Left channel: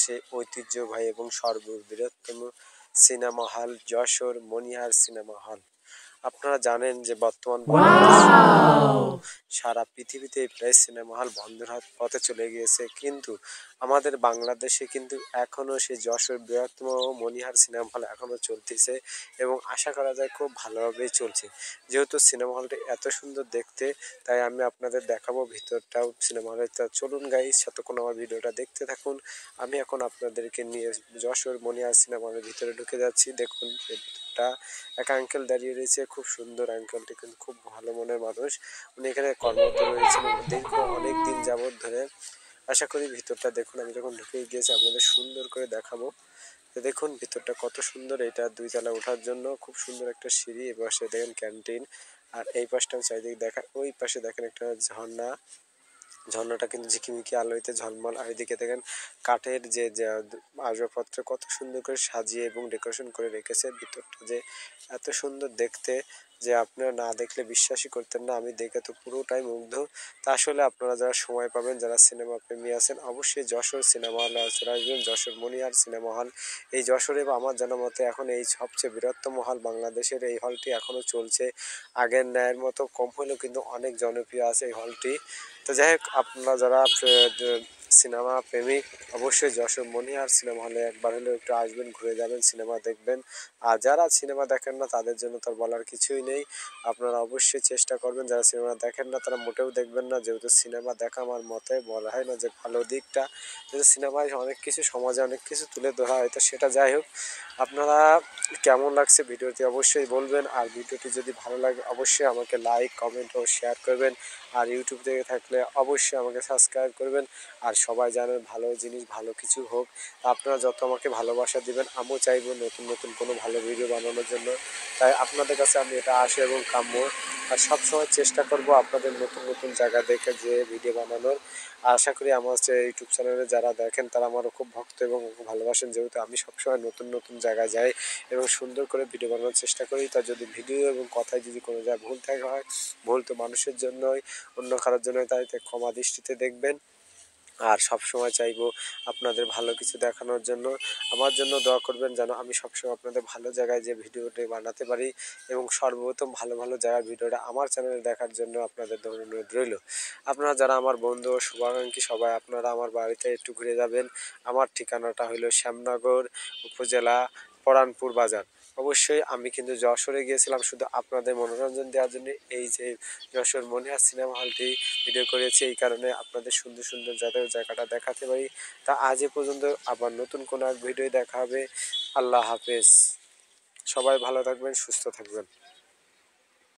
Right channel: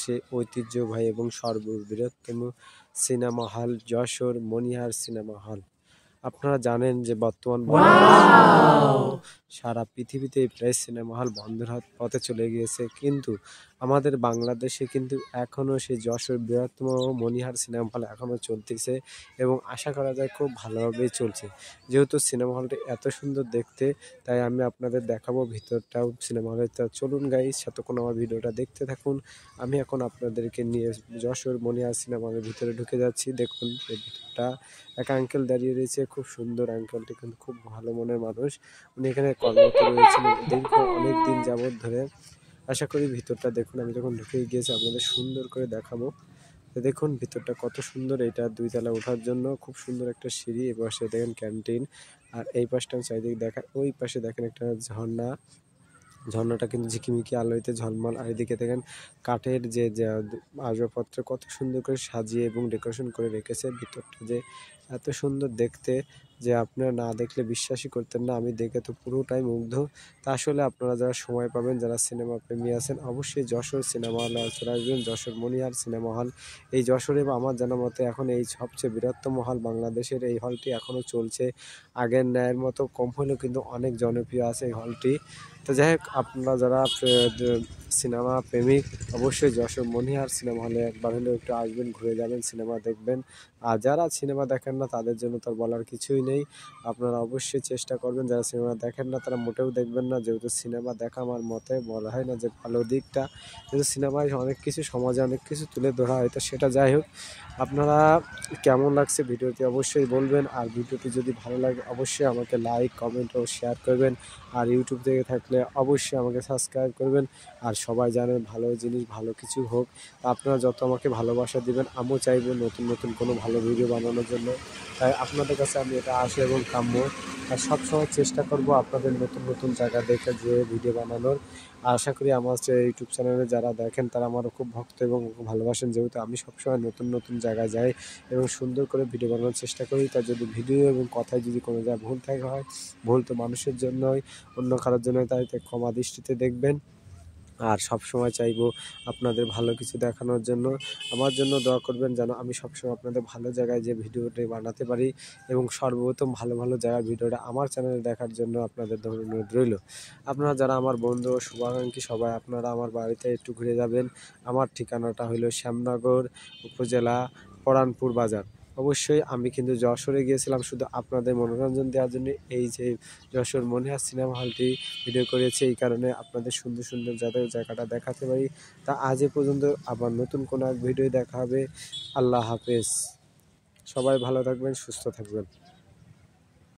বাংলাদেশে ঐতিহ্যবাহী এবং সর্ববৃহত্তম সিনেমা হল যশোর মনিহার সিনেমা হল। আপনারা জানেন যে বর্তমান সারা পৃথিবীতে প্রায় সিনেমা হল বন্ধ হওয়ার পথে চলে গিয়েছে, কিন্তু আমাদের বাংলাদেশে কিন্তু এখনও সেই যশোর বৃহত্তম মনিহার সিনেমা হল এখনও চলতেছে এবং আশা করা যায় খুব ভালোভাবেই চলছে। যেহেতু সিনেমা হলটি এত সুন্দর দেখতে, তাই আমি আপনাদের দেখাবো ভিতরটাও সিনেমা হলের। চলুন গাইস, যতক্ষণ আমার ভিডিওটা দেখতে থাকুন। আমি এখন আপনাদেরকে নিয়ে যশোর মনিহার সিনেমা হলের ভিতরে ঢুকে যাচ্ছি। দেখুন এই ভিতরটা, এক আঙ্কেল দাঁড়িয়ে রয়েছে, খুব সুন্দর। আঙ্কেলটি কিন্তু খুব ভালো মনের মানুষ, উনি এখানে কর্মরত রয়েছেন দীর্ঘ অনেক দিন যাবৎ ধরে। আশা করি ভিতরটা দেখুন, আমি যখন ঢুকে গিয়েছি আপনাদের সুন্দর করে দেখাবো। তো দেখুন ভিতরটা কত সুন্দর, এটা 2 তলা ওঠার জন্য খুব সুন্দর একটা সিঁড়ি, এবং সে দেখেন ক্যান্টিন। আর এই পাশটা চারিদিকে দেখা, ওই পাশে দেখেন একটা ঝর্ণা, ঝর্ণাটা কিন্তু ঝিকিমিকি আলোতে ঝলমল। আর এদিকে দেখেন কাঠের যে আসবাবপত্র কত সুন্দর করে সাজিয়ে এবং ডেকোরেশন করে রেখেছে। ভিতরটা যে এত সুন্দর দেখতে যে আপনারা না দেখলে বিশ্বাসই করতেন না। আমি দেখে তো পুরোটাই মুগ্ধ। তা আসলে আপনারা যারা সময় পাবেন, যারা সিনেমা প্রেমী আছেন, অবশ্যই যশোর সিনেমা হলে চলে আসবেন। যশোর মনিহার সিনেমা হল এই যশোরে আমার জানা মতে এখন এই সবচেয়ে বৃহত্তম হল বাংলাদেশের। এই হলটি এখনও চলছে, আগের ন্যায়ের মতো কম হলেও কিন্তু অনেক জনপ্রিয় আছে এই হলটি। তো যাই হোক, আপনারা যারা সিনেমা প্রেমিক, অবশ্যই যশোর মনিহার সিনেমা হলে একবার হলেও একটু আসবেন, ঘুরে যাবেন, সিনেমা দেখবেন। আর যারা সিনেমা দেখেন না তাদের জন্য তো বলার কিছুই নেই, আপনারা অবশ্যই চেষ্টা করবেন। যারা সিনেমা দেখেন না তারা মোটেও দেখবেন না, যেহেতু সিনেমা দেখা আমার মতে বলা হয় না যে ভালো দিকটা, কিন্তু সিনেমায় অনেক কিছু, সমাজে অনেক কিছু তুলে ধরা হয়। তো সেটা যাই হোক, আপনারা কেমন লাগছে ভিডিওটি অবশ্যই বলবেন। আর ভিডিওটি যদি ভালো লাগে অবশ্যই আমাকে লাইক, কমেন্ট ও শেয়ার করবেন। আর ইউটিউব থেকে থাকলে অবশ্যই আমাকে সাবস্ক্রাইব করবেন। আর সবাই জানেন ভালো জিনিস ভালো কিছু হোক, আপনারা যত আমাকে ভালোবাসা দিবেন, আমিও চাইব নতুন নতুন কোনো ভালো ভিডিও বানানোর জন্য। তাই আপনাদের কাছে আমি এটা আশা এবং কাম্য। আর সবসময় চেষ্টা করব আপনাদের নতুন নতুন জায়গা দেখে যে ভিডিও বানানোর। আশা করি আমার যে ইউটিউব চ্যানেলে যারা দেখেন তারা আমারও খুব ভক্ত এবং ভালোবাসেন, যেহেতু আমি সবসময় নতুন নতুন জায়গায় যাই এবং সুন্দর করে ভিডিও বানানোর চেষ্টা করি। তা যদি ভিডিও এবং কথায় যদি কোনো জায়গায় ভুল থাকে হয়, ভুল তো মানুষের জন্যই, অন্য কারোর জন্য, তাই ক্ষমা দৃষ্টিতে দেখবেন। আর সবসময় চাইবো আপনাদের ভালো কিছু দেখানোর জন্য। আমার জন্য দোয়া করবেন যেন আমি সবসময় আপনাদের ভালো জায়গায় যে ভিডিওটি বানাতে পারি, এবং সর্বপ্রথম ভালো ভালো জায়গার ভিডিওটা আমার চ্যানেলে দেখার জন্য আপনাদের অনুরোধ রইল। আপনারা যারা আমার বন্ধু ও শুভাকাঙ্ক্ষী সবাই, আপনারা আমার বাড়িতে একটু ঘুরে যাবেন। আমার ঠিকানাটা হলো শ্যামনগর উপজেলা, পরানপুর বাজার। অবশ্যই আমি কিন্তু যশোরে গিয়েছিলাম শুধু আপনাদের মনোরঞ্জন দেওয়ার জন্য। এই যে যশোর মনিহার সিনেমা হলটি ভিডিও করেছি, এই কারণে আপনাদের সুন্দর সুন্দর যাদের জায়গাটা দেখাতে পারি। তা আজ এ পর্যন্ত, আবার নতুন কোনো এক ভিডিও দেখা হবে। আল্লাহ হাফেজ, সবাই ভালো থাকবেন, সুস্থ থাকবেন।